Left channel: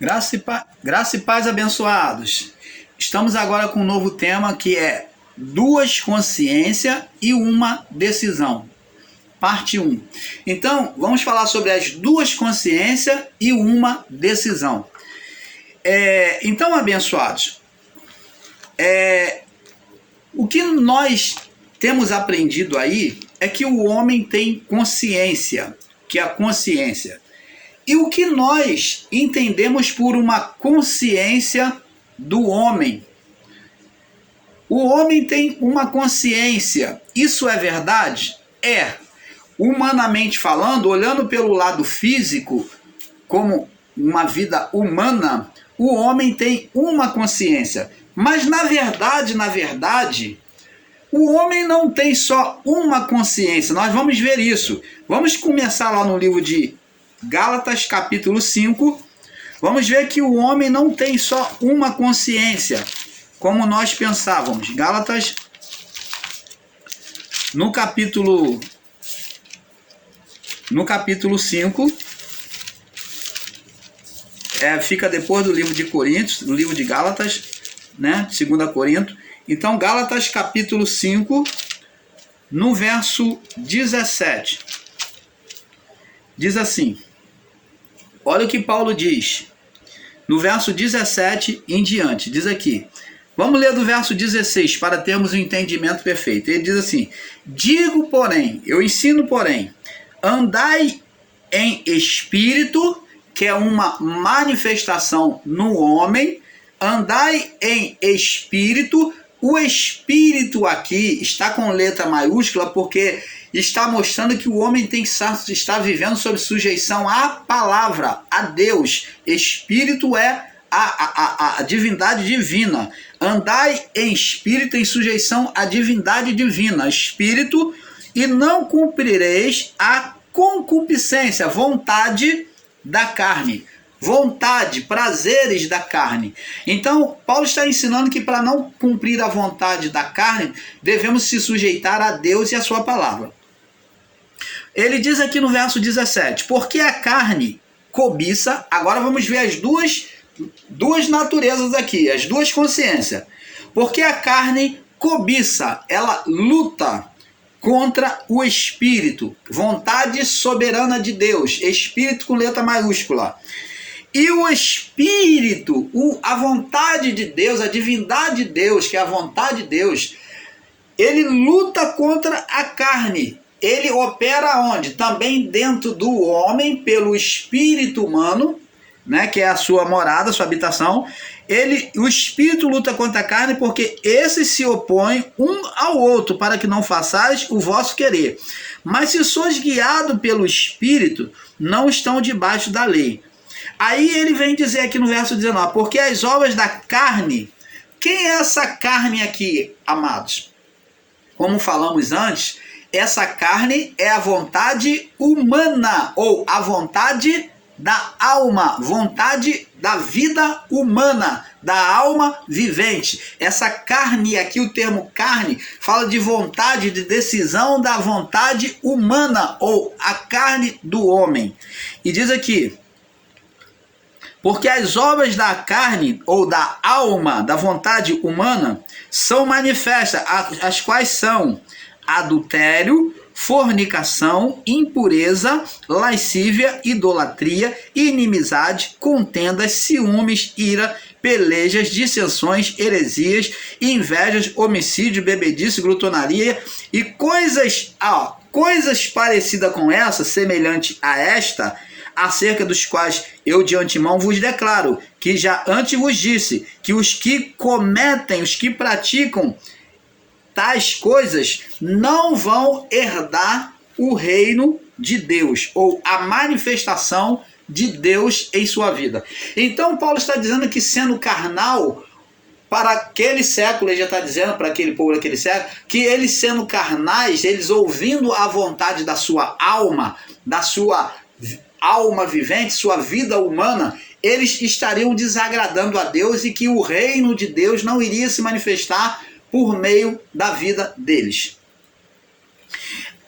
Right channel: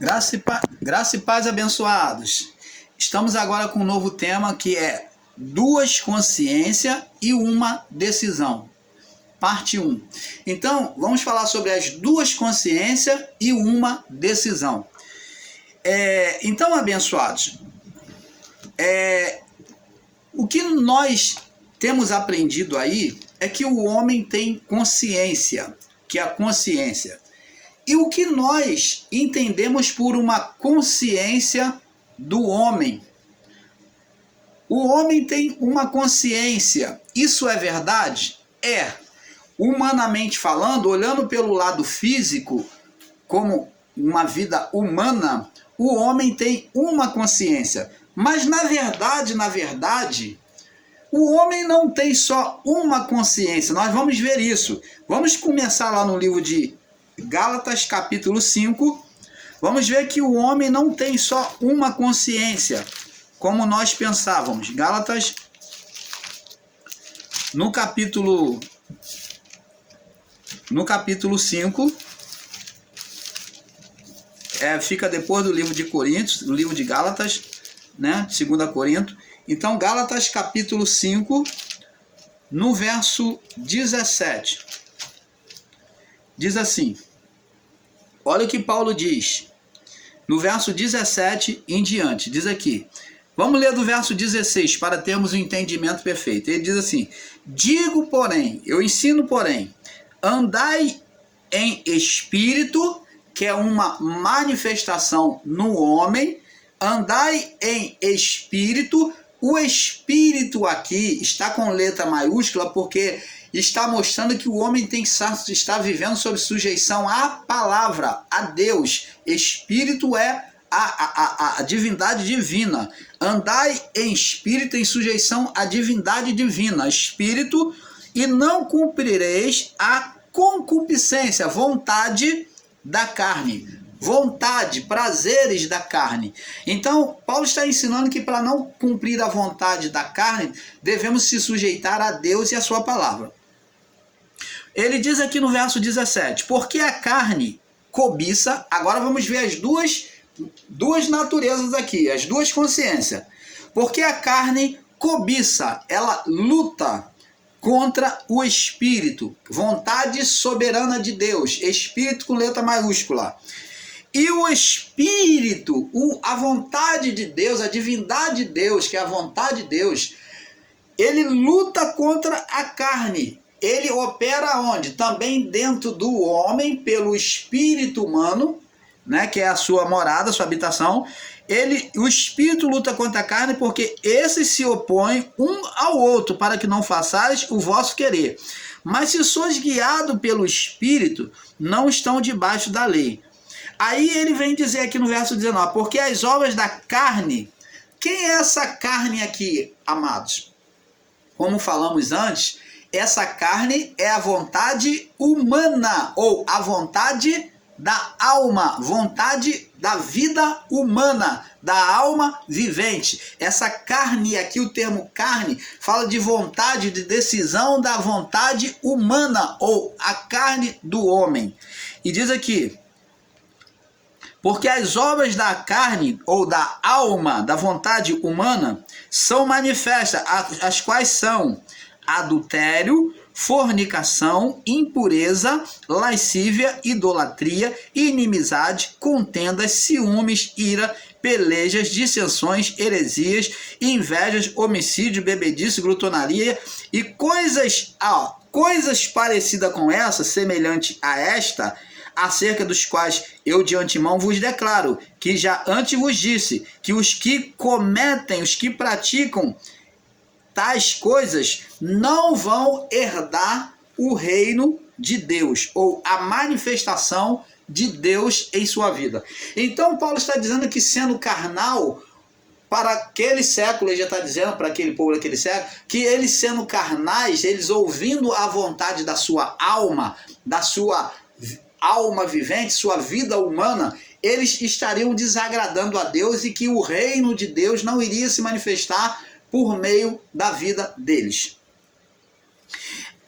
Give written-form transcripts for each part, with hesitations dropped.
Graça e paz, abençoados. Estamos agora com um novo tema que é duas consciências e uma decisão. Parte 1. Então, vamos falar sobre as duas consciências e uma decisão. Então, abençoados, o que nós temos aprendido aí é que o homem tem consciência, que é a consciência. E o que nós entendemos por uma consciência do homem? O homem tem uma consciência. Isso é verdade? É. Humanamente falando, olhando pelo lado físico, como uma vida humana, o homem tem uma consciência. Mas na verdade, o homem não tem só uma consciência. Nós vamos ver isso. Vamos começar lá no livro de Gálatas, capítulo 5. Vamos ver que o homem não tem só uma consciência, como nós pensávamos. Gálatas, no capítulo 5, fica depois do livro de Coríntios, do livro de Gálatas, né? 2 Coríntios. Então, Gálatas, capítulo 5, no verso 17. Diz assim, olha o que Paulo diz, no verso 17 em diante, diz aqui, vamos ler do verso 16 para termos um entendimento perfeito. Ele diz assim, digo porém, eu ensino porém, andai em espírito, que é uma manifestação no homem, andai em espírito. O espírito aqui está com letra maiúscula porque está mostrando que o homem tem que estar vivendo sob sujeição à palavra, a Deus. Espírito é a divindade divina. Andai em espírito, em sujeição à divindade divina. Espírito, e não cumprireis a concupiscência, vontade da carne. Vontade, prazeres da carne. Então, Paulo está ensinando que para não cumprir a vontade da carne, devemos se sujeitar a Deus e a sua palavra. Ele diz aqui no verso 17, porque a carne cobiça, agora vamos ver as duas naturezas aqui, as duas consciências. Porque a carne cobiça, ela luta contra o espírito, vontade soberana de Deus, espírito com letra maiúscula. E o espírito, a vontade de Deus, a divindade de Deus, que é a vontade de Deus, ele luta contra a carne. Ele opera onde? Também dentro do homem, pelo espírito humano, né, que é a sua morada, a sua habitação. O espírito luta contra a carne porque esses se opõem um ao outro, para que não façais o vosso querer. Mas se sois guiado pelo espírito, não estão debaixo da lei. Aí ele vem dizer aqui no verso 19, porque as obras da carne, quem é essa carne aqui, amados? Como falamos antes, essa carne é a vontade humana, ou a vontade da alma, vontade da vida humana, da alma vivente. Essa carne aqui, o termo carne, fala de vontade, de decisão da vontade humana, ou a carne do homem. E diz aqui, porque as obras da carne ou da alma, da vontade humana, são manifestas, as quais são adultério, fornicação, impureza, lascívia, idolatria, inimizade, contendas, ciúmes, ira, pelejas, dissensões, heresias, invejas, homicídio, bebedice, glutonaria e coisas parecidas com essa, semelhante a esta, acerca dos quais eu de antemão vos declaro, que já antes vos disse, que os que cometem, os que praticam tais coisas, não vão herdar o reino de Deus, ou a manifestação de Deus em sua vida. Então Paulo está dizendo que sendo carnal, para aquele século, ele já está dizendo para aquele povo daquele século, que eles sendo carnais, eles ouvindo a vontade da sua alma vivente, sua vida humana, eles estariam desagradando a Deus e que o reino de Deus não iria se manifestar por meio da vida deles.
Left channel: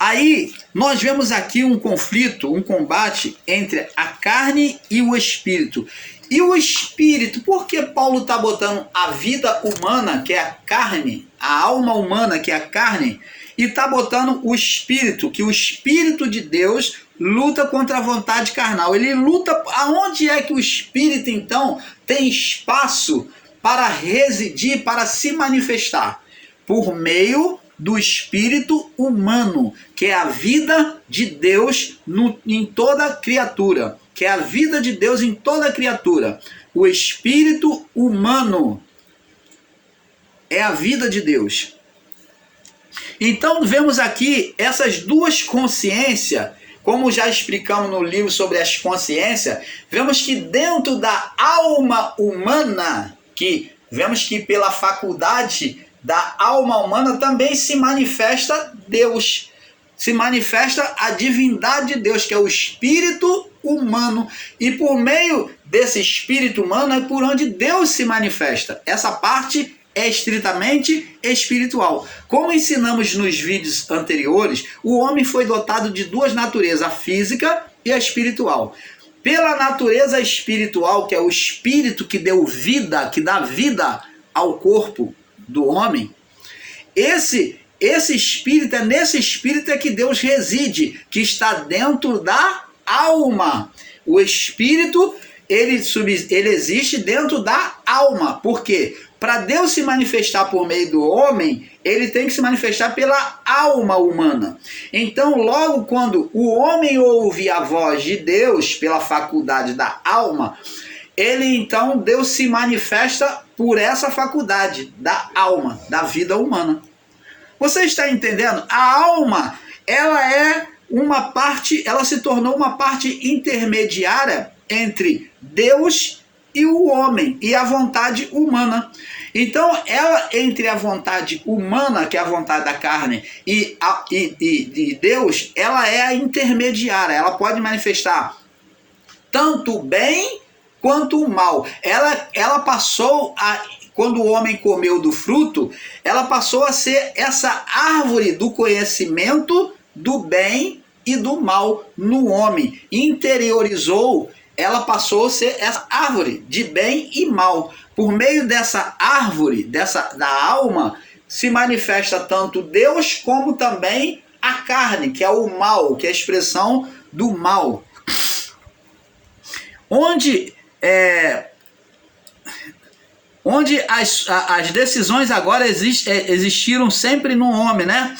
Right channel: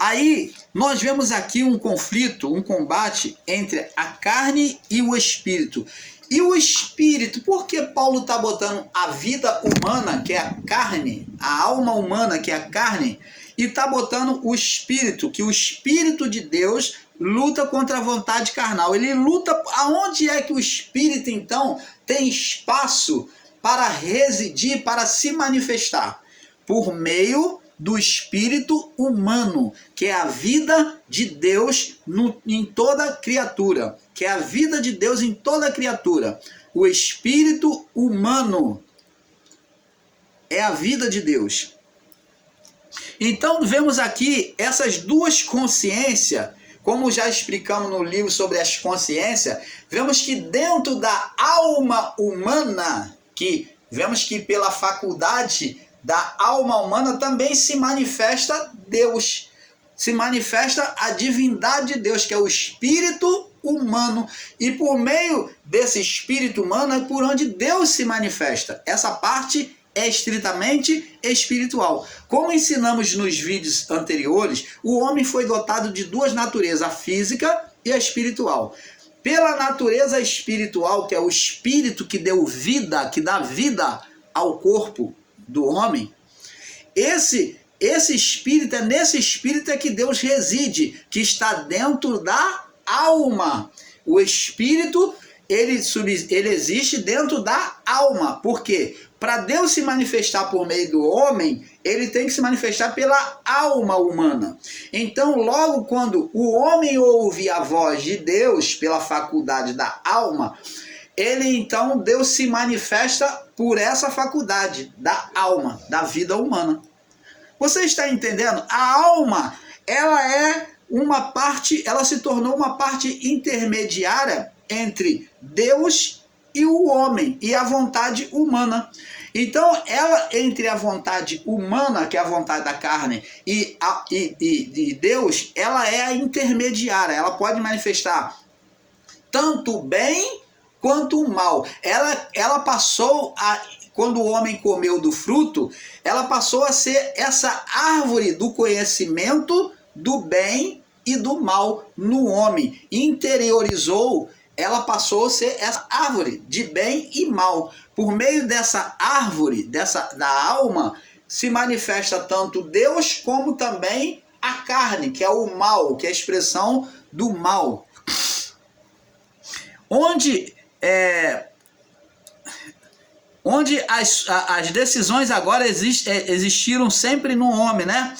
Aí nós vemos aqui um conflito, um combate entre a carne e o espírito. E o espírito, por que Paulo está botando a vida humana, que é a carne, a alma humana, que é a carne, e está botando o espírito, que o espírito de Deus luta contra a vontade carnal. Ele luta, aonde é que o espírito então tem espaço para residir, para se manifestar? Por meio do espírito humano, que é a vida de Deus em toda criatura, que é a vida de Deus em toda criatura. O espírito humano é a vida de Deus. Então vemos aqui essas duas consciências, como já explicamos no livro sobre as consciências, vemos que dentro da alma humana, que vemos que pela faculdade da alma humana também se manifesta Deus, se manifesta a divindade de Deus, que é o espírito humano, e por meio desse espírito humano é por onde Deus se manifesta. Essa parte é estritamente espiritual. Como ensinamos nos vídeos anteriores, o homem foi dotado de duas naturezas, a física e a espiritual. Pela natureza espiritual, que é o espírito que deu vida, que dá vida ao corpo do homem, esse espírito, é nesse espírito é que Deus reside, que está dentro da alma. O espírito, ele existe dentro da alma. Por quê? Para Deus se manifestar por meio do homem, ele tem que se manifestar pela alma humana. Então, logo quando o homem ouve a voz de Deus pela faculdade da alma, Deus se manifesta por essa faculdade da alma, da vida humana. Você está entendendo? A alma, ela é uma parte, ela se tornou uma parte intermediária entre Deus e o homem, e a vontade humana. Então, ela, entre a vontade humana, que é a vontade da carne, e Deus, ela é a intermediária. Ela pode manifestar tanto o bem quanto o mal. Ela passou a... Quando o homem comeu do fruto, ela passou a ser essa árvore do conhecimento do bem e do mal no homem. Interiorizou, ela passou a ser essa árvore de bem e mal. Por meio dessa árvore, da alma, se manifesta tanto Deus como também a carne, que é o mal, que é a expressão do mal. Onde as decisões agora existiram sempre no homem, né?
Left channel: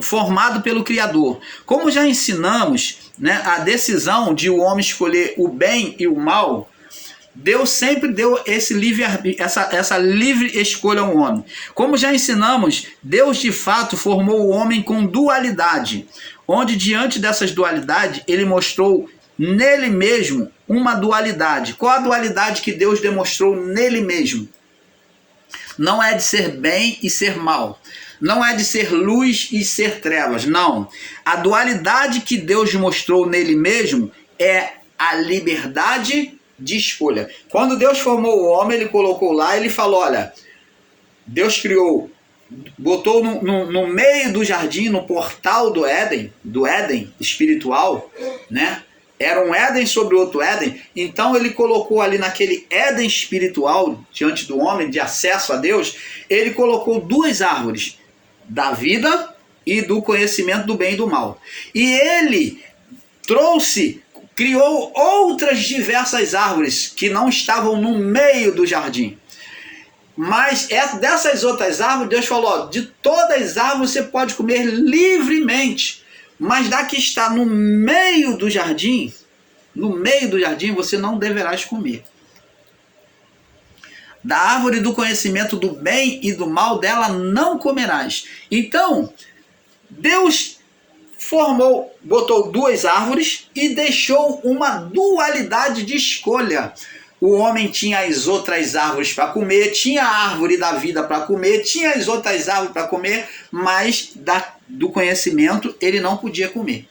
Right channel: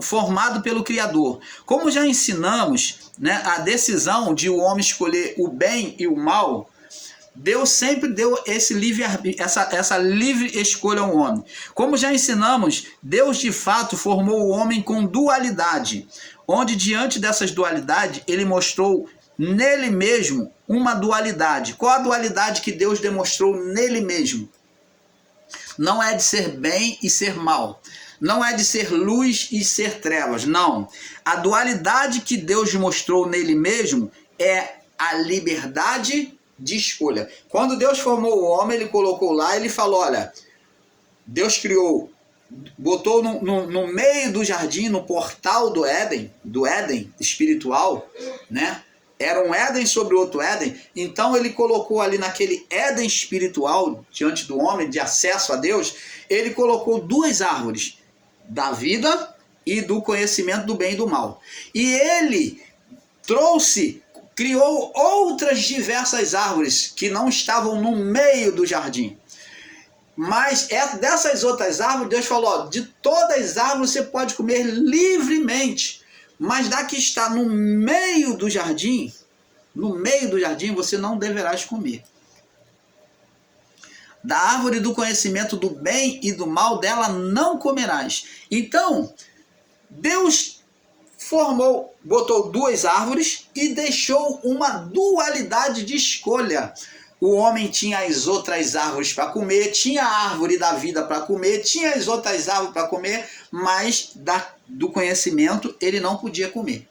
Formado pelo Criador. Como já ensinamos, né, a decisão de o homem escolher o bem e o mal, Deus sempre deu essa livre escolha ao homem. Como já ensinamos, Deus de fato formou o homem com dualidade, onde diante dessas dualidades ele mostrou nele mesmo uma dualidade. Qual a dualidade que Deus demonstrou nele mesmo? Não é de ser bem e ser mal. Não é de ser luz e ser trevas. Não. A dualidade que Deus mostrou nele mesmo é a liberdade de escolha. Quando Deus formou o homem, ele colocou lá, ele falou, olha, Deus criou, botou no meio do jardim, no portal do Éden espiritual, né? Era um Éden sobre outro Éden, então ele colocou ali naquele Éden espiritual, diante do homem, de acesso a Deus, ele colocou duas árvores, da vida e do conhecimento do bem e do mal. E ele criou outras diversas árvores que não estavam no meio do jardim. Mas dessas outras árvores, Deus falou, ó, de todas as árvores você pode comer livremente, mas da que está no meio do jardim você não deverás comer. Da árvore do conhecimento do bem e do mal, dela não comerás. Então, Deus botou duas árvores e deixou uma dualidade de escolha. O homem tinha as outras árvores para comer, tinha a árvore da vida para comer, tinha as outras árvores para comer, mas do conhecimento ele não podia comer.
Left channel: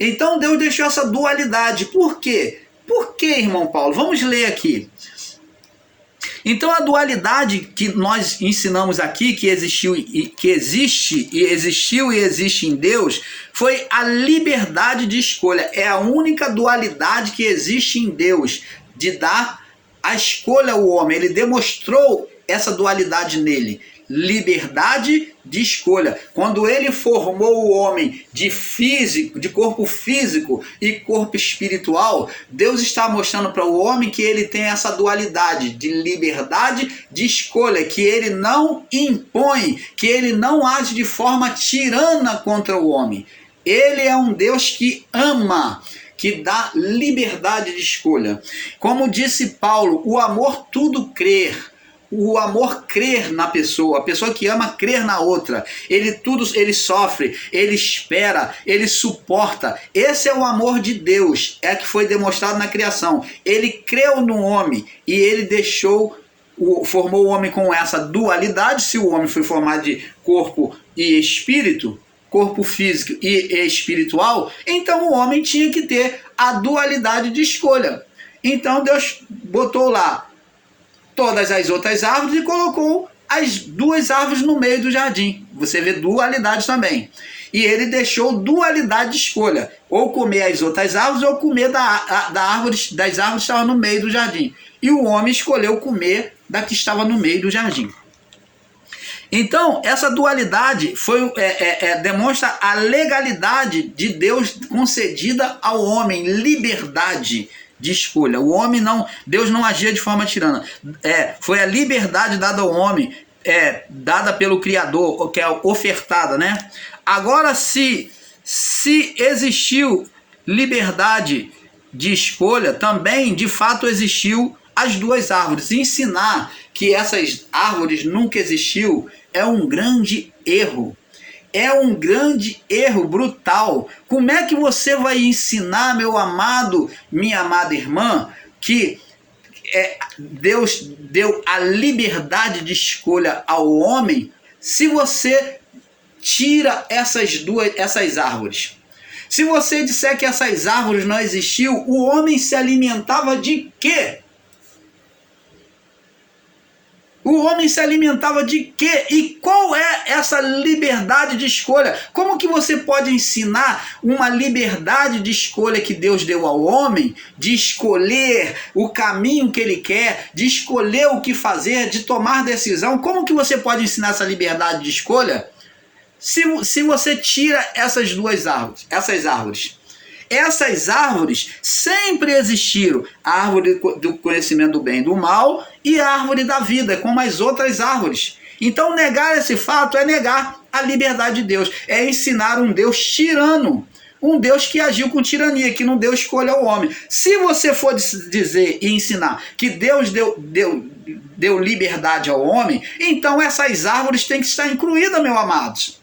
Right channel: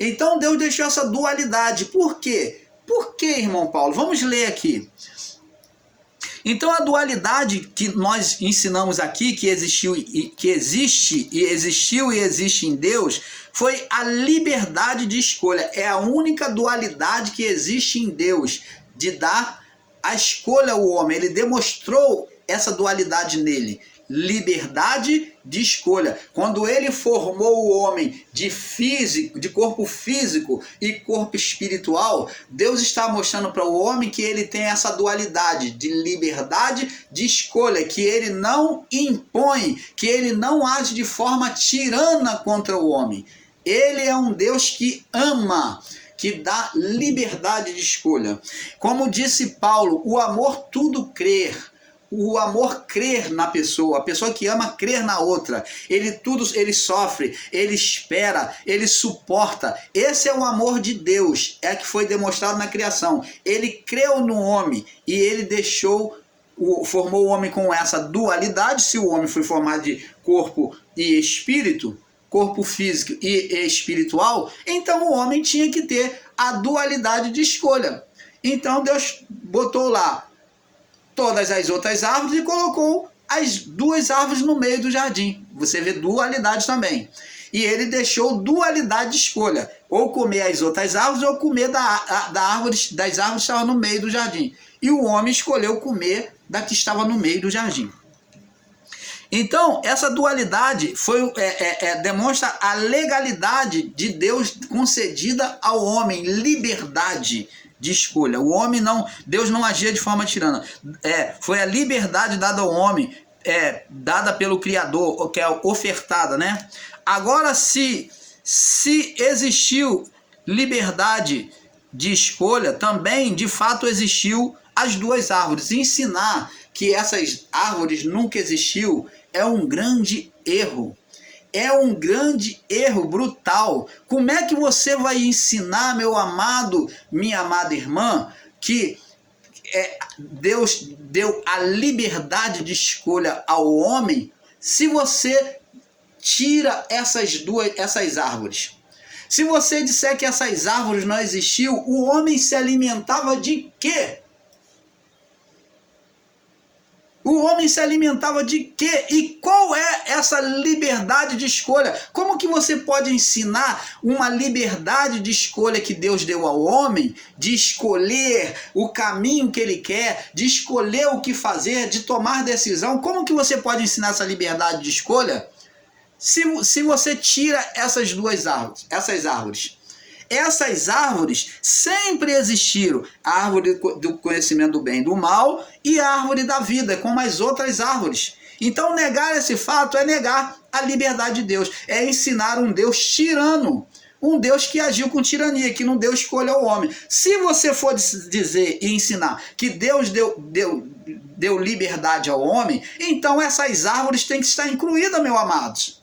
Então Deus deixou essa dualidade. Por quê? Por quê, irmão Paulo? Vamos ler aqui. Então a dualidade que nós ensinamos aqui, que existiu e existe em Deus, foi a liberdade de escolha. É a única dualidade que existe em Deus, de dar a escolha ao homem. Ele demonstrou essa dualidade nele. Liberdade de escolha. Quando ele formou o homem de corpo físico e corpo espiritual, Deus está mostrando para o homem que ele tem essa dualidade de liberdade de escolha, que ele não impõe, que ele não age de forma tirana contra o homem. Ele é um Deus que ama, que dá liberdade de escolha. Como disse Paulo, o amor tudo crê. O amor crer na pessoa, a pessoa que ama crer na outra. Ele sofre, ele espera, ele suporta. Esse é o amor de Deus, é que foi demonstrado na criação. Ele creu no homem e ele formou o homem com essa dualidade. Se o homem foi formado de corpo e espírito, corpo físico e espiritual, então o homem tinha que ter a dualidade de escolha. Então Deus botou lá todas as outras árvores e colocou as duas árvores no meio do jardim. Você vê dualidade também. E ele deixou dualidade de escolha. Ou comer as outras árvores ou comer das árvores que estavam no meio do jardim. E o homem escolheu comer da que estava no meio do jardim. Então, essa dualidade demonstra a legalidade de Deus concedida ao homem, liberdade de escolha. Deus não agia de forma tirana. Foi a liberdade dada ao homem, dada pelo Criador, que é ofertada, né? Agora, se existiu liberdade de escolha, também, de fato, existiu as duas árvores. Ensinar que essas árvores nunca existiu é um grande erro. É um grande erro brutal. Como é que você vai ensinar, meu amado, minha amada irmã, que Deus deu a liberdade de escolha ao homem, se você tira essas árvores? Se você disser que essas árvores não existiam, o homem se alimentava de quê? O homem se alimentava de quê? E qual é essa liberdade de escolha? Como que você pode ensinar uma liberdade de escolha que Deus deu ao homem, de escolher o caminho que ele quer, de escolher o que fazer, de tomar decisão? Como que você pode ensinar essa liberdade de escolha se você tira essas árvores? Essas árvores sempre existiram. A árvore do conhecimento do bem e do mal e a árvore da vida, como as outras árvores. Então negar esse fato é negar a liberdade de Deus. É ensinar um Deus tirano. Um Deus que agiu com tirania, que não deu escolha ao homem. Se você for dizer e ensinar que Deus deu liberdade ao homem, então essas árvores têm que estar incluídas, meus amados.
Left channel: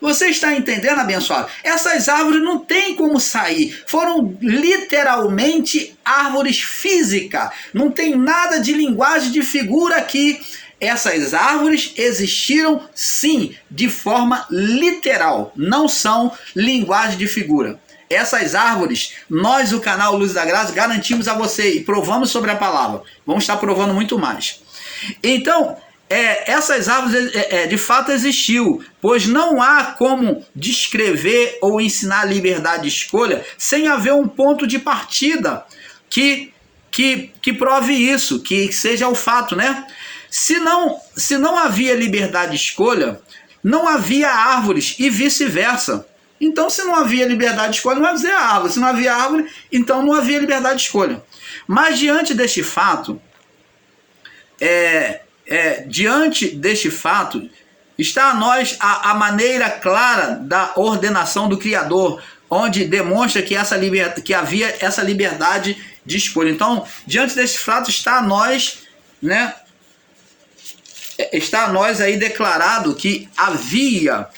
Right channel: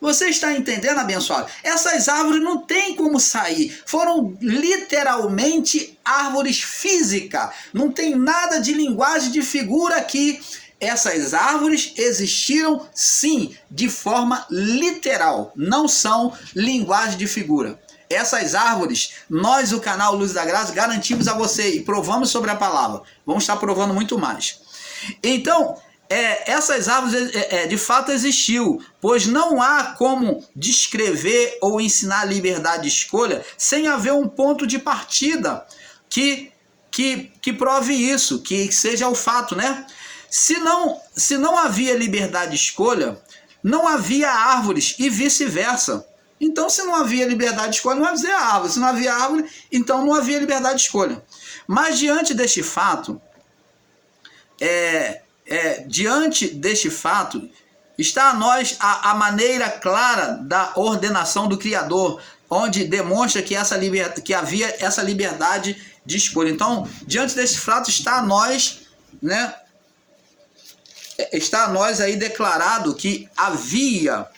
Você está entendendo, abençoado? Essas árvores não tem como sair. Foram literalmente árvores físicas. Não tem nada de linguagem de figura aqui. Essas árvores existiram, sim, de forma literal. Não são linguagem de figura. Essas árvores, nós, o canal Luz da Graça, garantimos a você e provamos sobre a palavra. Vamos estar provando muito mais. Então, essas árvores de fato existiu, pois não há como descrever ou ensinar a liberdade de escolha sem haver um ponto de partida que prove isso, que seja o fato, né? Se não havia liberdade de escolha, não havia árvores e vice-versa. Então, se não havia liberdade de escolha, não havia árvore. Se não havia árvore, então não havia liberdade de escolha. Mas diante deste fato, está a nós a maneira clara da ordenação do Criador, onde demonstra que havia essa liberdade de escolha. Então, diante desse fato, está a nós, né? Está a nós aí declarado que havia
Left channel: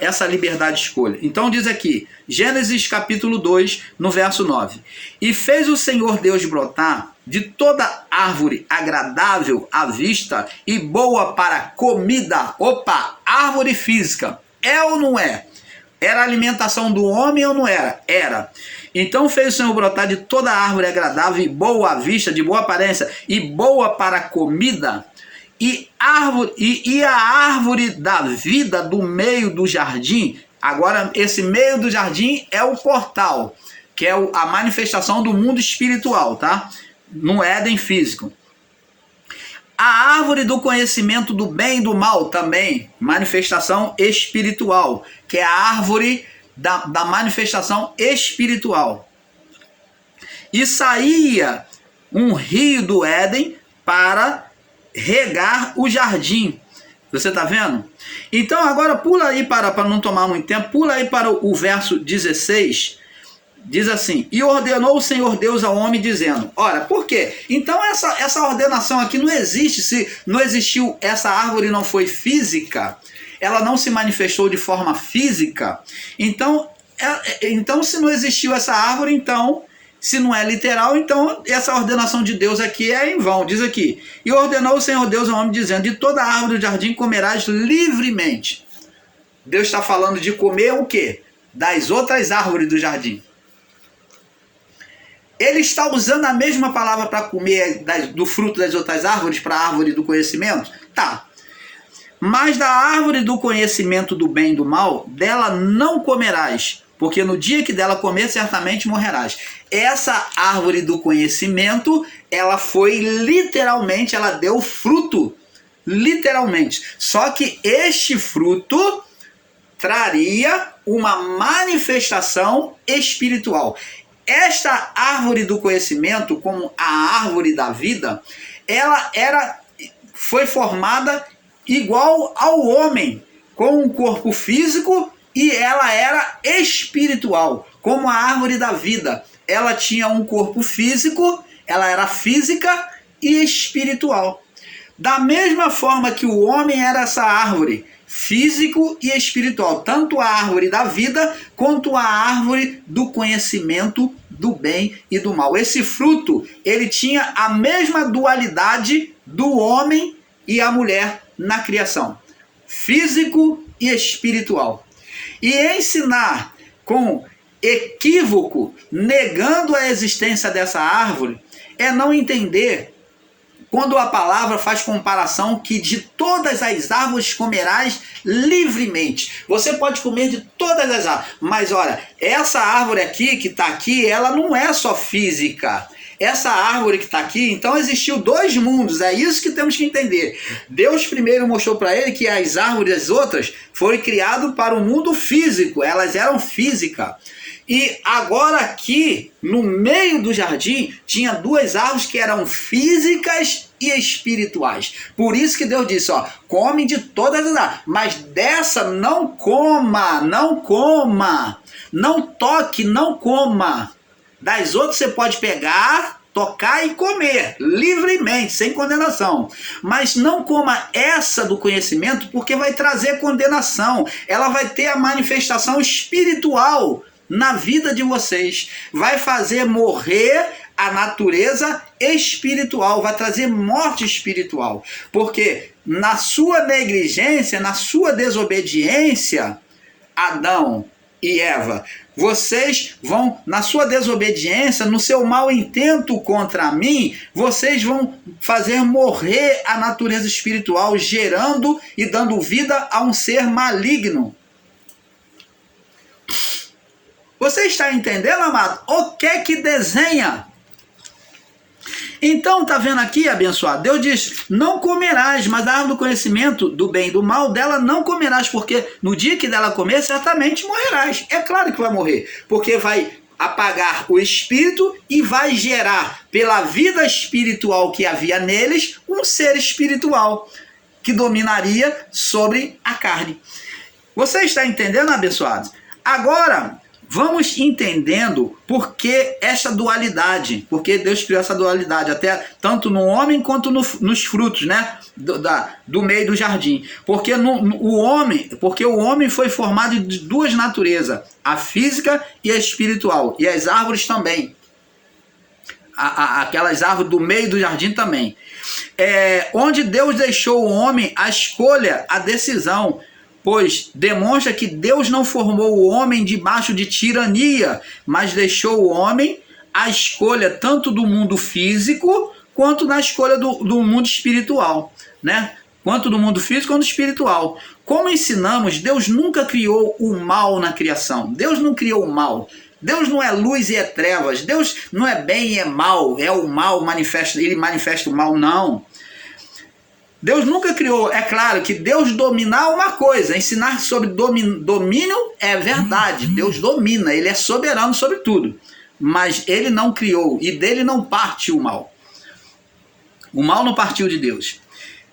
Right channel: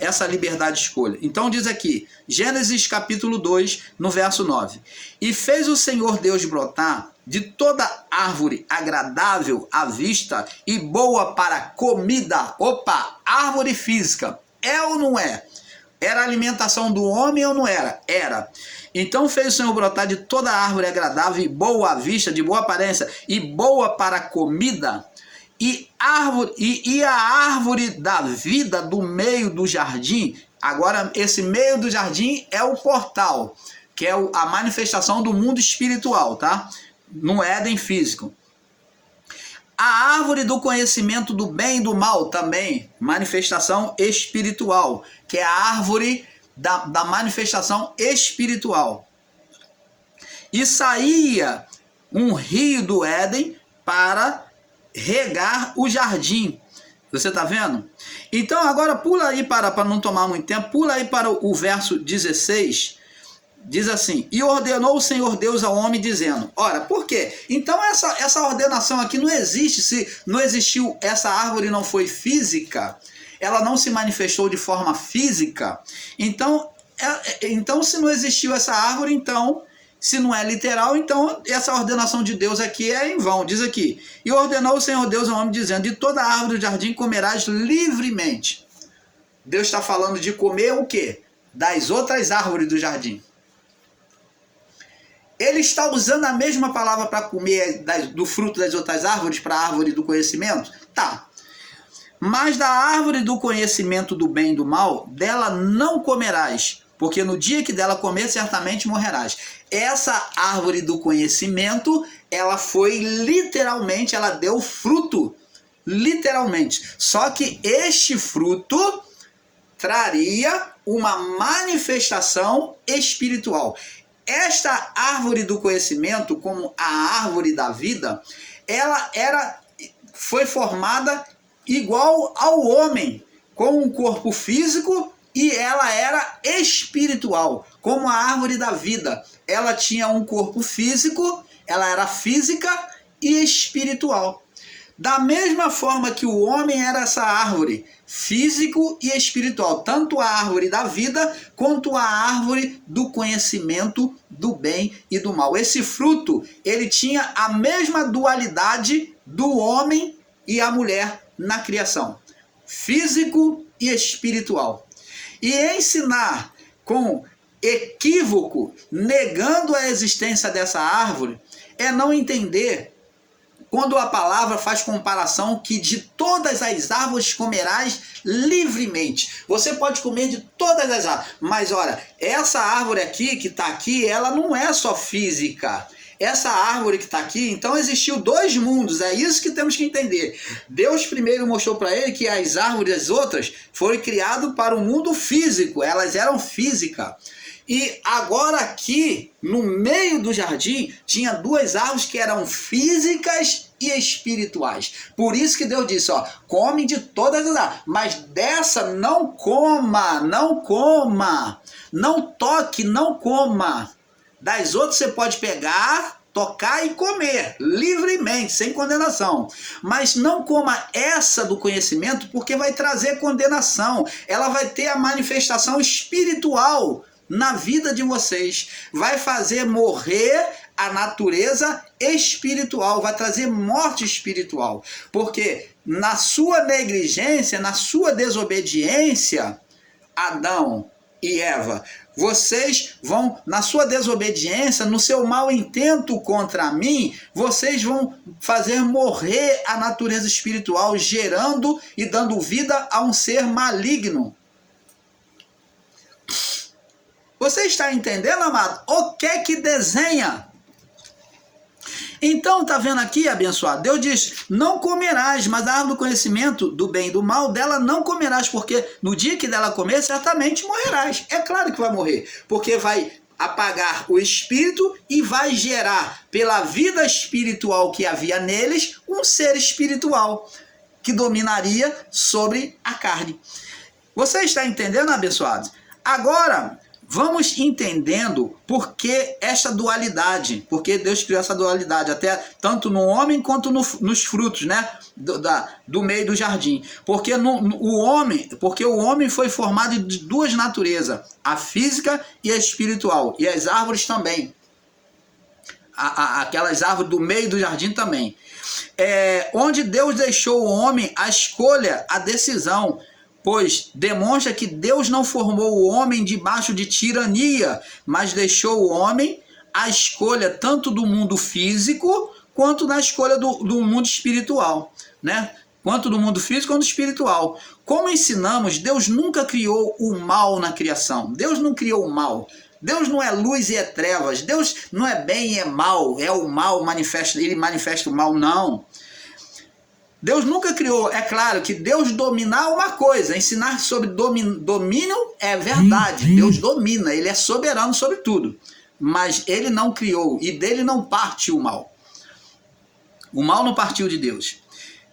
essa liberdade de escolha. Então diz aqui, Gênesis capítulo 2, no verso 9. E fez o Senhor Deus brotar de toda árvore agradável à vista e boa para comida. Opa, árvore física. É ou não é? Era a alimentação do homem ou não era? Era. Então fez o Senhor brotar de toda árvore agradável e boa à vista, de boa aparência e boa para a comida, e a árvore da vida do meio do jardim. Agora, esse meio do jardim é o portal, que é a manifestação do mundo espiritual, tá? No Éden físico. A árvore do conhecimento do bem e do mal também, manifestação espiritual, que é a árvore da manifestação espiritual. E saía um rio do Éden para regar o jardim. Você está vendo? Então agora pula aí para não tomar muito tempo, pula aí para o verso 16. Diz assim: e ordenou o Senhor Deus ao homem dizendo. Ora, por quê? Então essa ordenação aqui não existe. Se não existiu, essa árvore não foi física, ela não se manifestou de forma física. Então se não existiu essa árvore, então, se não é literal, então essa ordenação de Deus aqui é em vão. Diz aqui: e ordenou o Senhor Deus ao homem dizendo, de toda árvore do jardim comerás livremente. Deus está falando de comer o quê? Das outras árvores do jardim. Ele está usando a mesma palavra para comer do fruto das outras árvores, para a árvore do conhecimento? Tá. Mas da árvore do conhecimento do bem e do mal, dela não comerás, porque no dia que dela comer, certamente morrerás. Essa árvore do conhecimento, ela foi literalmente, ela deu fruto, literalmente. Só que este fruto traria uma manifestação espiritual. Esta árvore do conhecimento, como a árvore da vida, ela foi formada igual ao homem, com um corpo físico, e ela era espiritual, como a árvore da vida. Ela tinha um corpo físico, ela era física e espiritual. Da mesma forma que o homem era essa árvore, físico e espiritual, tanto a árvore da vida quanto a árvore do conhecimento do bem e do mal. Esse fruto, ele tinha a mesma dualidade do homem e a mulher na criação, físico e espiritual. E ensinar com equívoco, negando a existência dessa árvore, é não entender quando a palavra faz comparação que de todas as árvores comerás livremente. Você pode comer de todas as árvores, mas olha, essa árvore aqui que está aqui, ela não é só física. Essa árvore que está aqui, então existiu dois mundos, é isso que temos que entender. Deus primeiro mostrou para ele que as árvores, as outras, foram criadas para o mundo físico, elas eram físicas. E agora aqui, no meio do jardim, tinha duas árvores que eram físicas e espirituais. Por isso que Deus disse, ó, come de todas as árvores, mas dessa não coma, não coma, não toque, não coma. Das outras você pode pegar, tocar e comer, livremente, sem condenação. Mas não coma essa do conhecimento, porque vai trazer condenação. Ela vai ter a manifestação espiritual na vida de vocês. Vai fazer morrer a natureza espiritual, vai trazer morte espiritual. Porque na sua negligência, na sua desobediência, Adão e Eva, vocês vão, na sua desobediência, no seu mau intento contra mim, vocês vão fazer morrer a natureza espiritual, gerando e dando vida a um ser maligno. Você está entendendo, amado? O que desenha? Então, tá vendo aqui, abençoado? Deus diz, não comerás, mas da árvore do conhecimento do bem e do mal, dela não comerás, porque no dia que dela comer, certamente morrerás. É claro que vai morrer, porque vai apagar o espírito e vai gerar, pela vida espiritual que havia neles, um ser espiritual que dominaria sobre a carne. Você está entendendo, abençoado? Agora, vamos entendendo por que essa dualidade, porque Deus criou essa dualidade, até tanto no homem quanto nos frutos, né? Do meio do jardim. Porque o homem foi formado de duas naturezas, a física e a espiritual, e as árvores também. Aquelas árvores do meio do jardim também. Onde Deus deixou o homem a escolha, a decisão. pois demonstra que Deus não formou o homem debaixo de tirania, mas deixou o homem a escolha tanto do mundo físico quanto na escolha do mundo espiritual, né? Quanto do mundo físico quanto espiritual. Como ensinamos, Deus nunca criou o mal na criação. Deus não criou o mal. Deus não é luz e é trevas. Deus não é bem e é mal. É o mal, ele manifesta o mal, não. Deus nunca criou. É claro que Deus dominar uma coisa, ensinar sobre domínio é verdade. Deus domina, ele é soberano sobre tudo. Mas ele não criou e dele não parte o mal. O mal não partiu de Deus.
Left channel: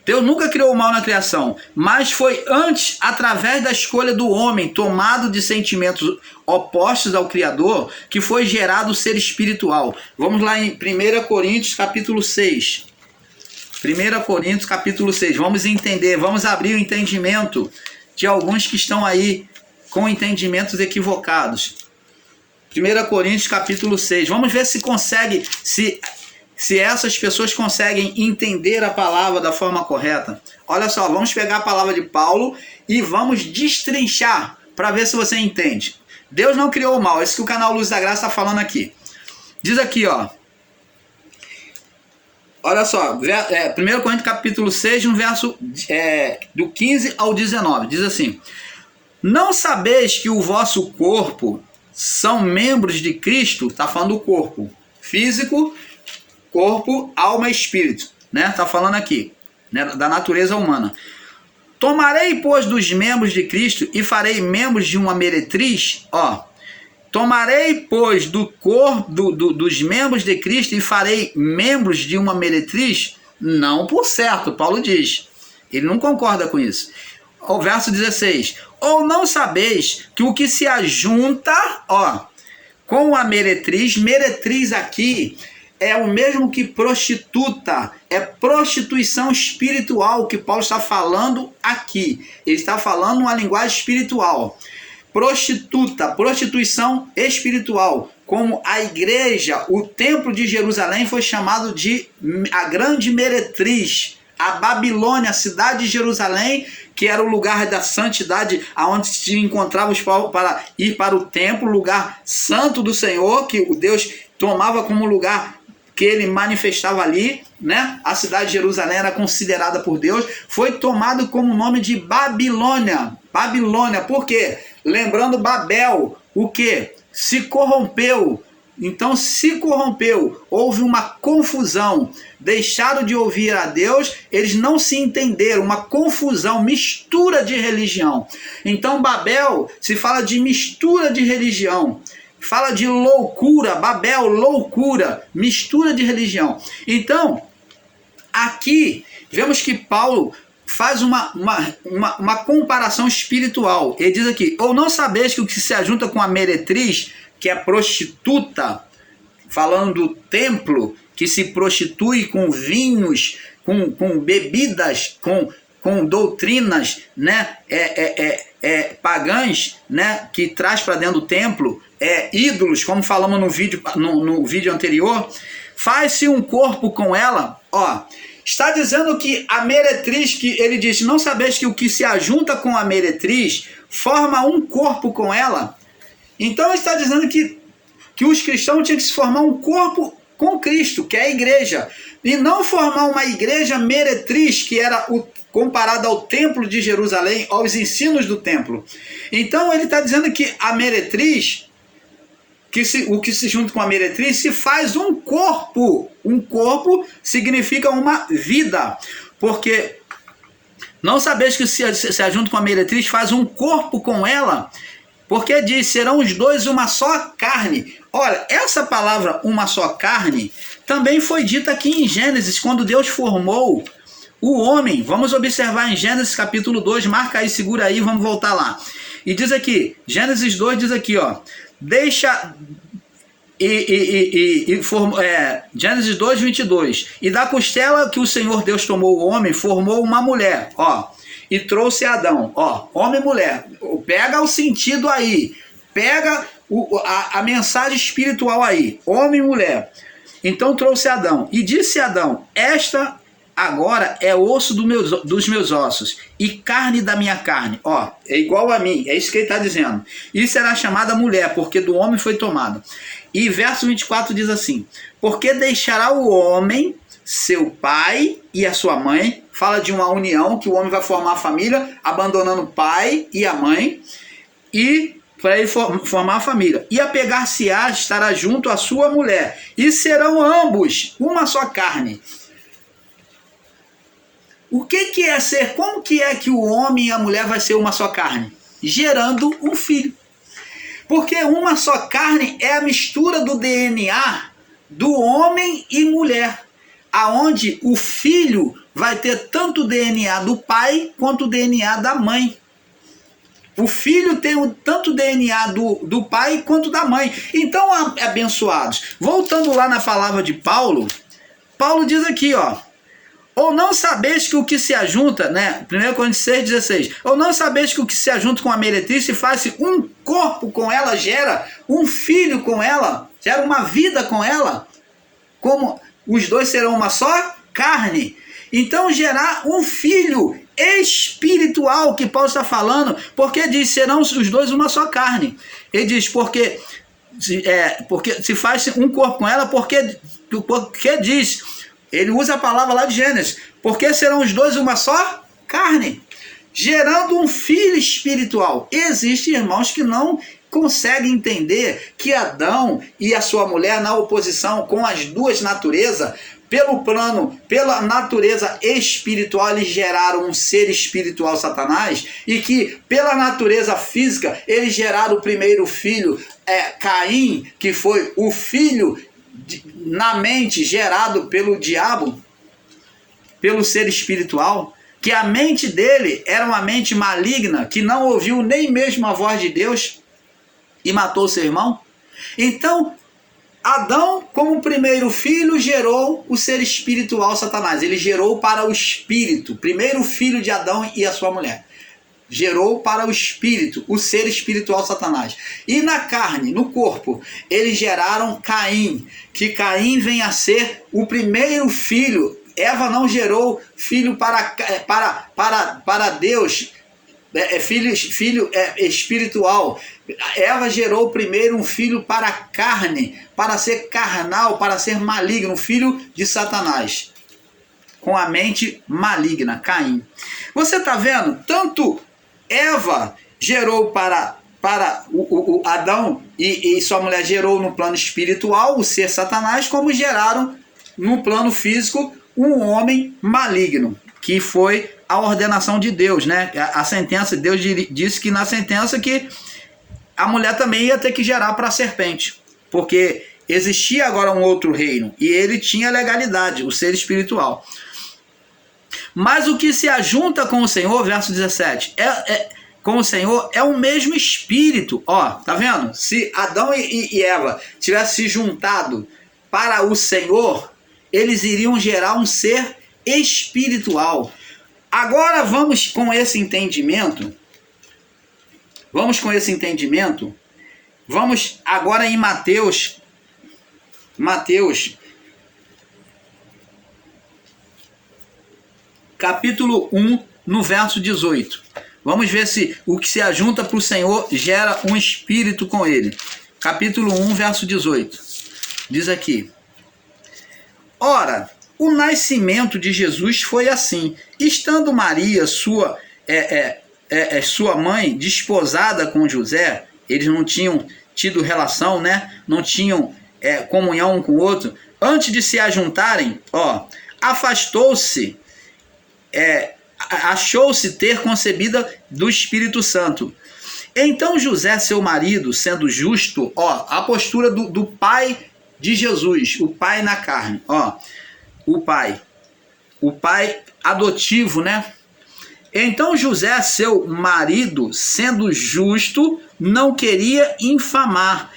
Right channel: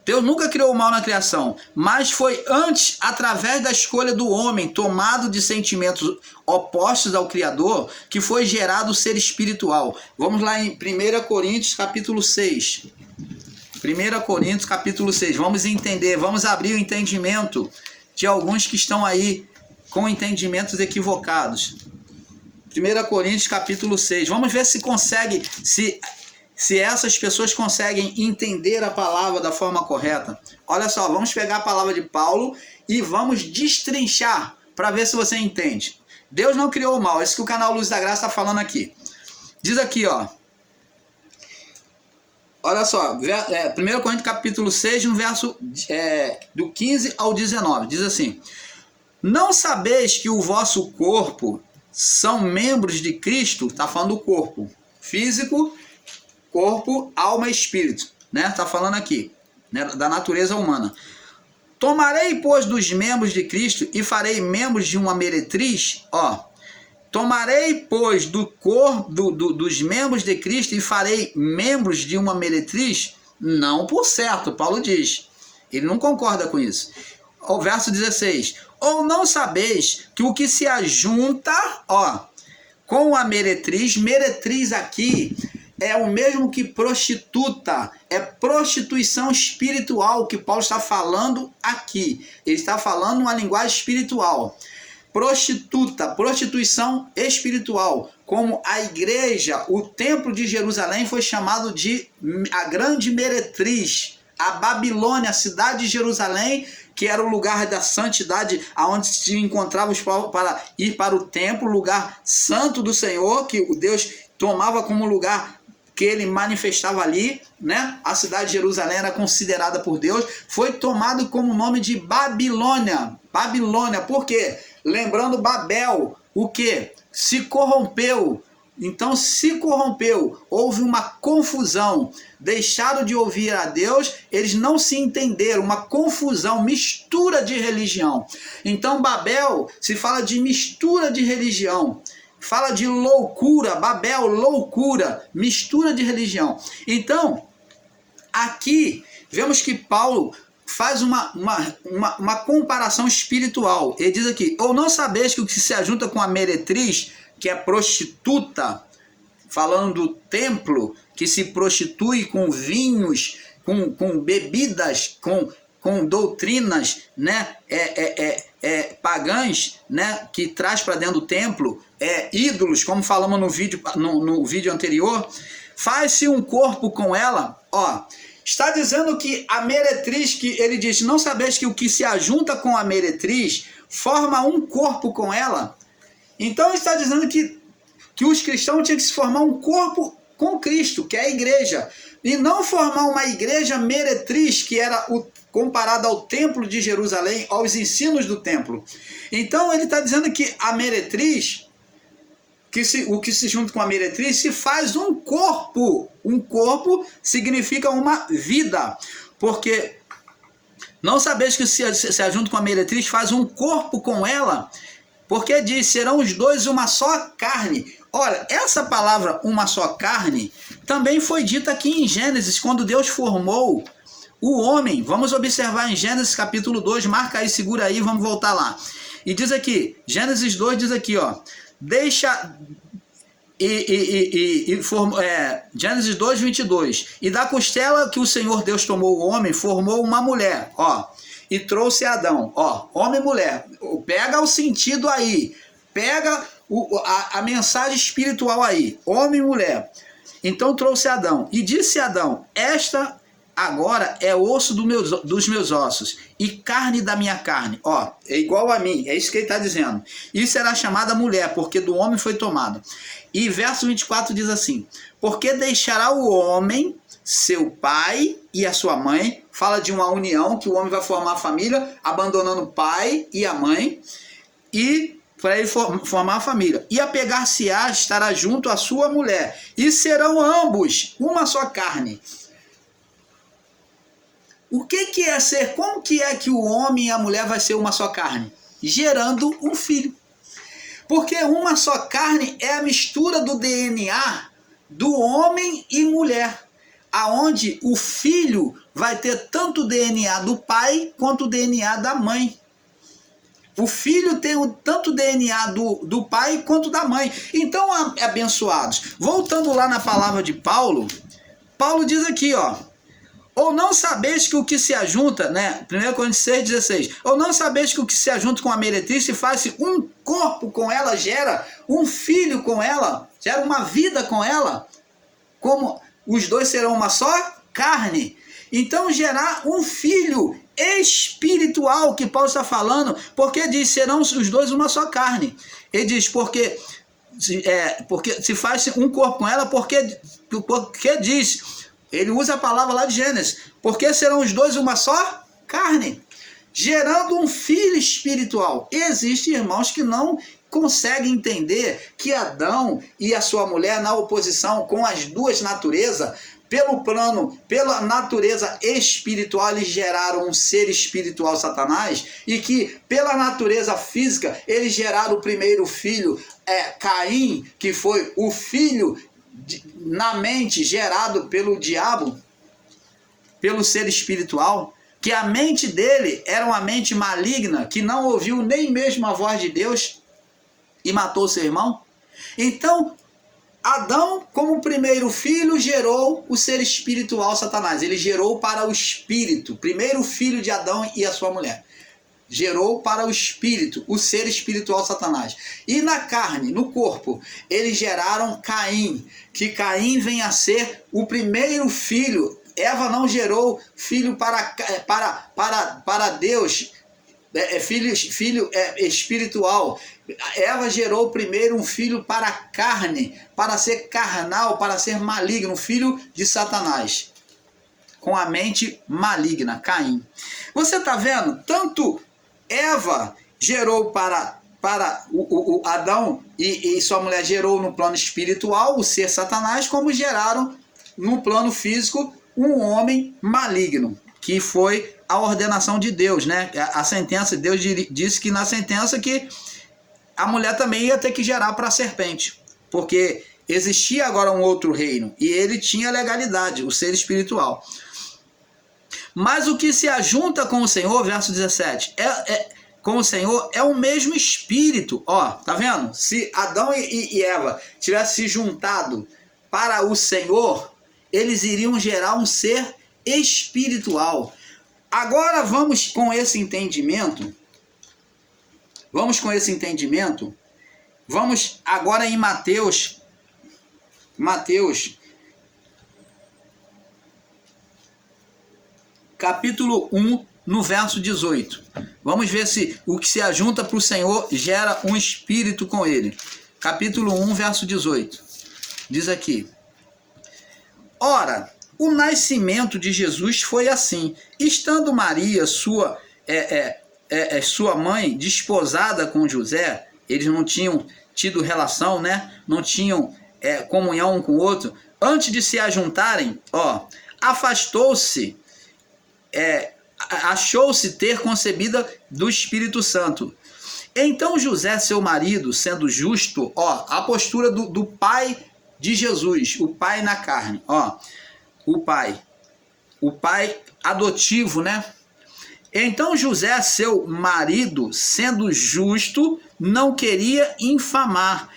Deus nunca criou o mal na criação, mas foi antes, através da escolha do homem, tomado de sentimentos opostos ao Criador, que foi gerado o ser espiritual. Vamos lá em 1 Coríntios capítulo 6. 1 Coríntios capítulo 6. Vamos entender, vamos abrir o entendimento de alguns que estão aí com entendimentos equivocados. 1 Coríntios capítulo 6. Vamos ver se consegue, se essas pessoas conseguem entender a palavra da forma correta. Olha só, vamos pegar a palavra de Paulo e vamos destrinchar para ver se você entende. Deus não criou o mal, é isso que o canal Luz da Graça está falando aqui. Diz aqui, ó. Olha só, 1 Coríntios capítulo 6, no verso do 15 ao 19. Diz assim: não sabeis que o vosso corpo são membros de Cristo? Está falando do corpo físico, corpo, alma e espírito, né? Tá falando aqui, né, da natureza humana. Tomarei, pois, dos membros de Cristo e farei membros de uma meretriz? Ó, tomarei, pois, dos membros de Cristo e farei membros de uma meretriz? Não por certo, Paulo diz. Ele não concorda com isso. O verso 16. Ou não sabeis que o que se ajunta, ó, com a meretriz aqui é o mesmo que prostituta, é prostituição espiritual que Paulo está falando aqui. Ele está falando uma linguagem espiritual. Prostituta, prostituição espiritual. Como a igreja, o templo de Jerusalém foi chamado de a grande meretriz. A Babilônia, a cidade de Jerusalém, que era o lugar da santidade, aonde se encontrava os povos para ir para o templo, lugar santo do Senhor, que o Deus tomava como lugar que ele manifestava ali, né? A cidade de Jerusalém era considerada por Deus, foi tomado como nome de Babilônia. Babilônia, por quê? Lembrando Babel, o quê? Se corrompeu. Então se corrompeu, houve uma confusão, deixaram de ouvir a Deus, eles não se entenderam, uma confusão, mistura de religião. Então Babel se fala de mistura de religião. Fala de loucura, Babel, loucura, mistura de religião. Então, aqui, vemos que Paulo faz uma comparação espiritual. Ele diz aqui: ou não sabeis que o que se ajunta com a meretriz, que é prostituta, falando do templo, que se prostitui com vinhos, com bebidas, com doutrinas, né, pagãs, né, que traz para dentro do templo, ídolos, como falamos no vídeo anterior, faz-se um corpo com ela. Ó, está dizendo que a meretriz, que ele diz, não sabeis que o que se ajunta com a meretriz forma um corpo com ela? Então ele está dizendo que os cristãos tinham que se formar um corpo com Cristo, que é a igreja, e não formar uma igreja meretriz, que era comparada ao templo de Jerusalém, aos ensinos do templo. Então ele está dizendo que a meretriz, o que se junta com a meretriz, se faz um corpo. Um corpo significa uma vida, porque não sabeis que se ajunta com a meretriz, faz um corpo com ela, porque diz, serão os dois uma só carne. Olha, essa palavra uma só carne também foi dita aqui em Gênesis, quando Deus formou o homem. Vamos observar em Gênesis capítulo 2, marca aí, segura aí, vamos voltar lá. E diz aqui, Gênesis 2 diz aqui, ó, Gênesis 2, 22. E da costela que o Senhor Deus tomou o homem, formou uma mulher, ó, e trouxe Adão, ó, homem e mulher. Pega o sentido aí, pega a mensagem espiritual aí, homem e mulher. Então trouxe Adão, e disse Adão, esta agora é osso dos meus ossos e carne da minha carne. Ó, é igual a mim, é isso que ele está dizendo. E será chamada mulher, porque do homem foi tomado. E verso 24 diz assim: porque deixará o homem seu pai e a sua mãe. Fala de uma união, que o homem vai formar a família, abandonando o pai e a mãe, e para ele formar a família. E apegar-se-á, estará junto à sua mulher, e serão ambos uma só carne. O que é ser? Como que é que o homem e a mulher vai ser uma só carne? Gerando um filho. Porque uma só carne é a mistura do DNA do homem e mulher, aonde o filho vai ter tanto o DNA do pai quanto o DNA da mãe. O filho tem tanto o DNA do pai quanto da mãe. Então, abençoados, voltando lá na palavra de Paulo, Paulo diz aqui, ó: ou não sabeis que o que se ajunta, né? 1 Coríntios 6,16. Ou não sabeis que o que se ajunta com a meretriz se faz um corpo com ela, gera um filho com ela, gera uma vida com ela, como os dois serão uma só carne. Então, gerar um filho espiritual, que Paulo está falando, porque diz, serão os dois uma só carne. Ele diz, porque se faz um corpo com ela, porque diz, ele usa a palavra lá de Gênesis, porque serão os dois uma só carne, gerando um filho espiritual. Existem irmãos que não conseguem entender que Adão e a sua mulher, na oposição com as duas naturezas, pela natureza espiritual, eles geraram um ser espiritual, Satanás, e que pela natureza física, eles geraram o primeiro filho, Caim, que foi o filho na mente gerado pelo diabo, pelo ser espiritual, que a mente dele era uma mente maligna, que não ouviu nem mesmo a voz de Deus e matou seu irmão. Então, Adão, como primeiro filho, gerou o ser espiritual, Satanás. Ele gerou para o espírito, primeiro filho de Adão e a sua mulher. Gerou para o espírito, o ser espiritual, Satanás. E na carne, no corpo, eles geraram Caim, que Caim vem a ser o primeiro filho. Eva não gerou filho para Deus, filho espiritual. Eva gerou primeiro um filho para a carne, para ser carnal, para ser maligno, um filho de Satanás, com a mente maligna, Caim. Você está vendo? Tanto Eva gerou para o Adão e sua mulher gerou no plano espiritual, o ser Satanás, como geraram no plano físico um homem maligno, que foi a ordenação de Deus, né? A sentença, Deus disse que na sentença que a mulher também ia ter que gerar para a serpente, porque existia agora um outro reino e ele tinha legalidade, o ser espiritual. Mas o que se ajunta com o Senhor, verso 17, com o Senhor é o mesmo espírito. Ó, tá vendo? Se Adão e Eva tivessem se juntado para o Senhor, eles iriam gerar um ser espiritual. Agora vamos com esse entendimento. Vamos agora em Mateus, capítulo 1, no verso 18. Vamos ver se o que se ajunta para o Senhor gera um espírito com ele. Capítulo 1, verso 18. Diz aqui: ora, o nascimento de Jesus foi assim. Estando Maria, sua mãe, desposada com José, eles não tinham tido relação, né? Não tinham comunhão um com o outro. Antes de se ajuntarem, afastou-se, achou-se ter concebida do Espírito Santo. Então José, seu marido, sendo justo, a postura do pai de Jesus, o pai na carne, o pai adotivo, né? Então José, seu marido, sendo justo, não queria infamar,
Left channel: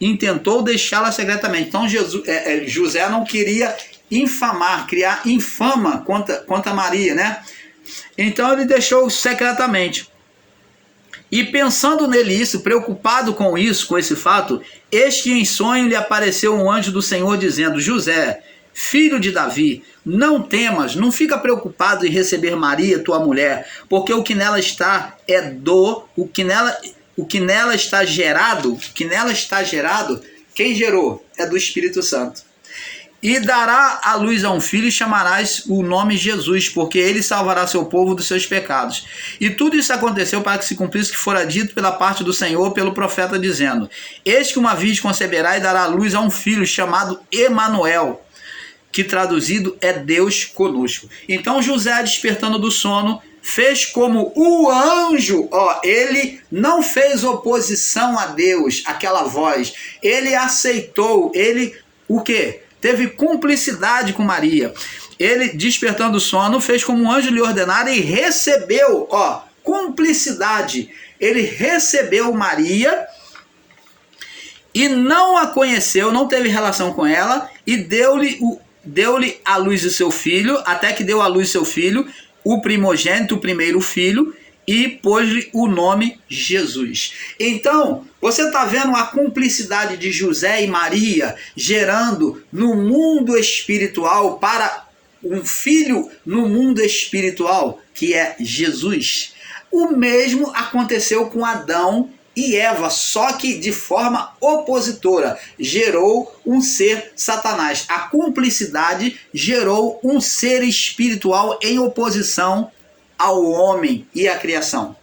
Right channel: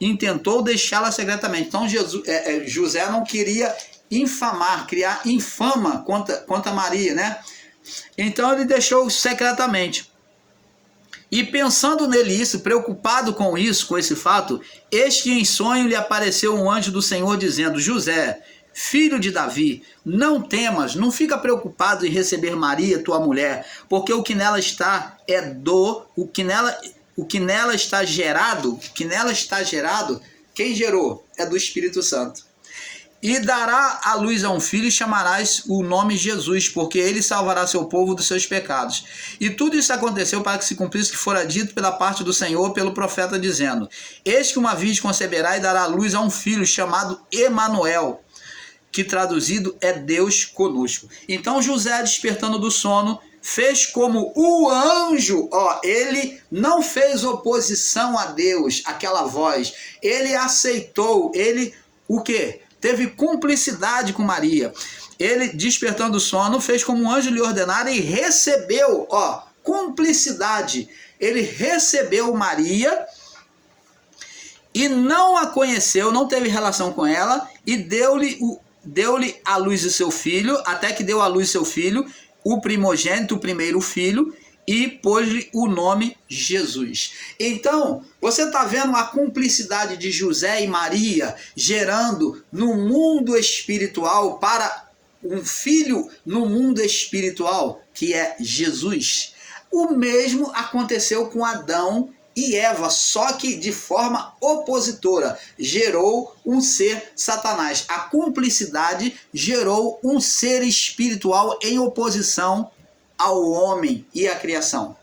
intentou deixá-la secretamente. Então José não queria infamar, criar infama contra Maria, né? Então ele deixou secretamente. E pensando nele isso, preocupado com isso, com esse fato, eis que em sonho lhe apareceu um anjo do Senhor dizendo: José, filho de Davi, não temas, não fica preocupado em receber Maria, tua mulher, porque o que nela está o que nela está gerado, quem gerou? É do Espírito Santo. E dará à luz a um filho e chamarás o nome Jesus, porque ele salvará seu povo dos seus pecados. E tudo isso aconteceu para que se cumprisse o que fora dito pela parte do Senhor pelo profeta, dizendo: eis que uma virgem conceberá e dará à luz a um filho chamado Emanuel, que traduzido é Deus conosco. Então José, despertando do sono, fez como o anjo, ele não fez oposição a Deus, aquela voz, ele aceitou, ele o quê? Teve cumplicidade com Maria. Ele, despertando do sono, fez como um anjo lhe ordenara e recebeu, cumplicidade. Ele recebeu Maria e não a conheceu, não teve relação com ela, e deu-lhe à luz o seu filho, até que deu à luz seu filho, o primogênito, o primeiro filho, e pôs-lhe o nome Jesus. Então, você está vendo a cumplicidade de José e Maria gerando no mundo espiritual para um filho no mundo espiritual, que é Jesus. O mesmo aconteceu com Adão e Eva, só que de forma opositora. Gerou um ser Satanás. A cumplicidade gerou um ser espiritual em oposição ao homem e à criação.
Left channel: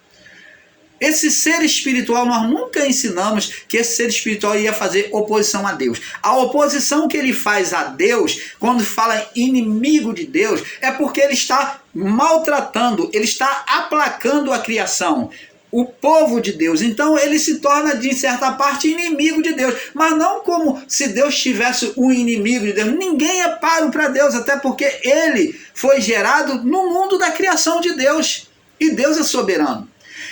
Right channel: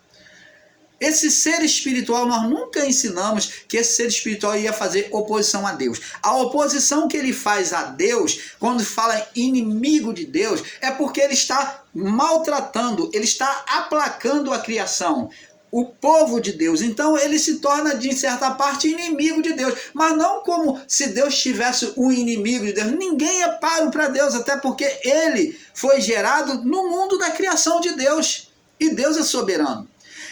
Esse ser espiritual, nós nunca ensinamos que esse ser espiritual ia fazer oposição a Deus. A oposição que ele faz a Deus, quando fala inimigo de Deus, é porque ele está maltratando, ele está aplacando a criação, o povo de Deus. Então ele se torna, de certa parte, inimigo de Deus. Mas não como se Deus tivesse um inimigo de Deus. Ninguém é páreo para Deus, até porque ele foi gerado no mundo da criação de Deus. E Deus é soberano.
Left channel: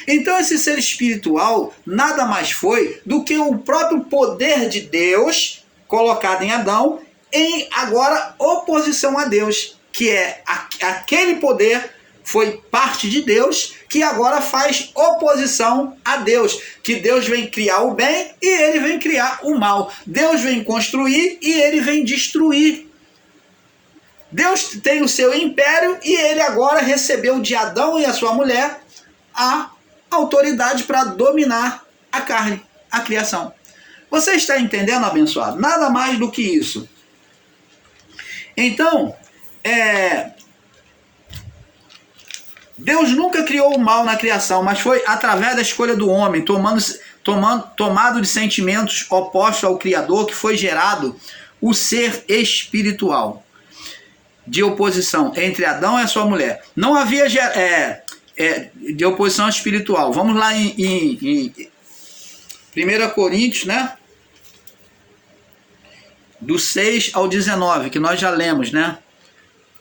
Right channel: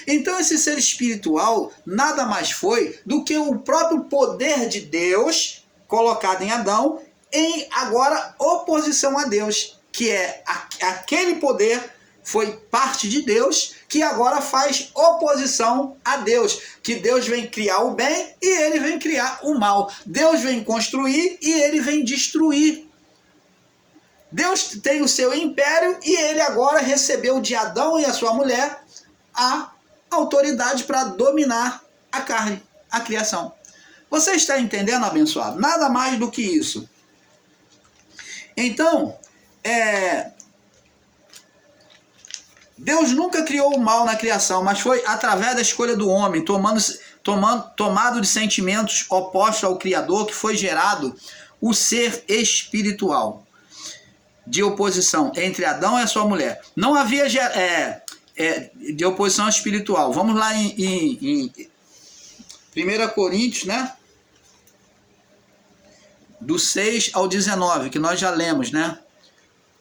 Então esse ser espiritual nada mais foi do que o próprio poder de Deus colocado em Adão, em agora oposição a Deus, que é aquele poder foi parte de Deus, que agora faz oposição a Deus, que Deus vem criar o bem e ele vem criar o mal. Deus vem construir e ele vem destruir. Deus tem o seu império e ele agora recebeu de Adão e a sua mulher a autoridade para dominar a carne, a criação. Você está entendendo, abençoado? Nada mais do que isso. Então, Deus nunca criou o mal na criação, mas foi através da escolha do homem, tomado de sentimentos opostos ao Criador, que foi gerado o ser espiritual de oposição entre Adão e a sua mulher. Não havia de oposição espiritual. Vamos lá em 1 Coríntios, né? Do 6 ao 19, que nós já lemos, né?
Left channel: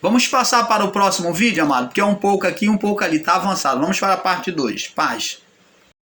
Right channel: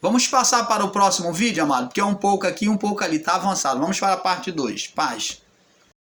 Vamos passar para o próximo vídeo, amado, porque é um pouco aqui, um pouco ali, tá avançado. Vamos para a parte 2. Paz.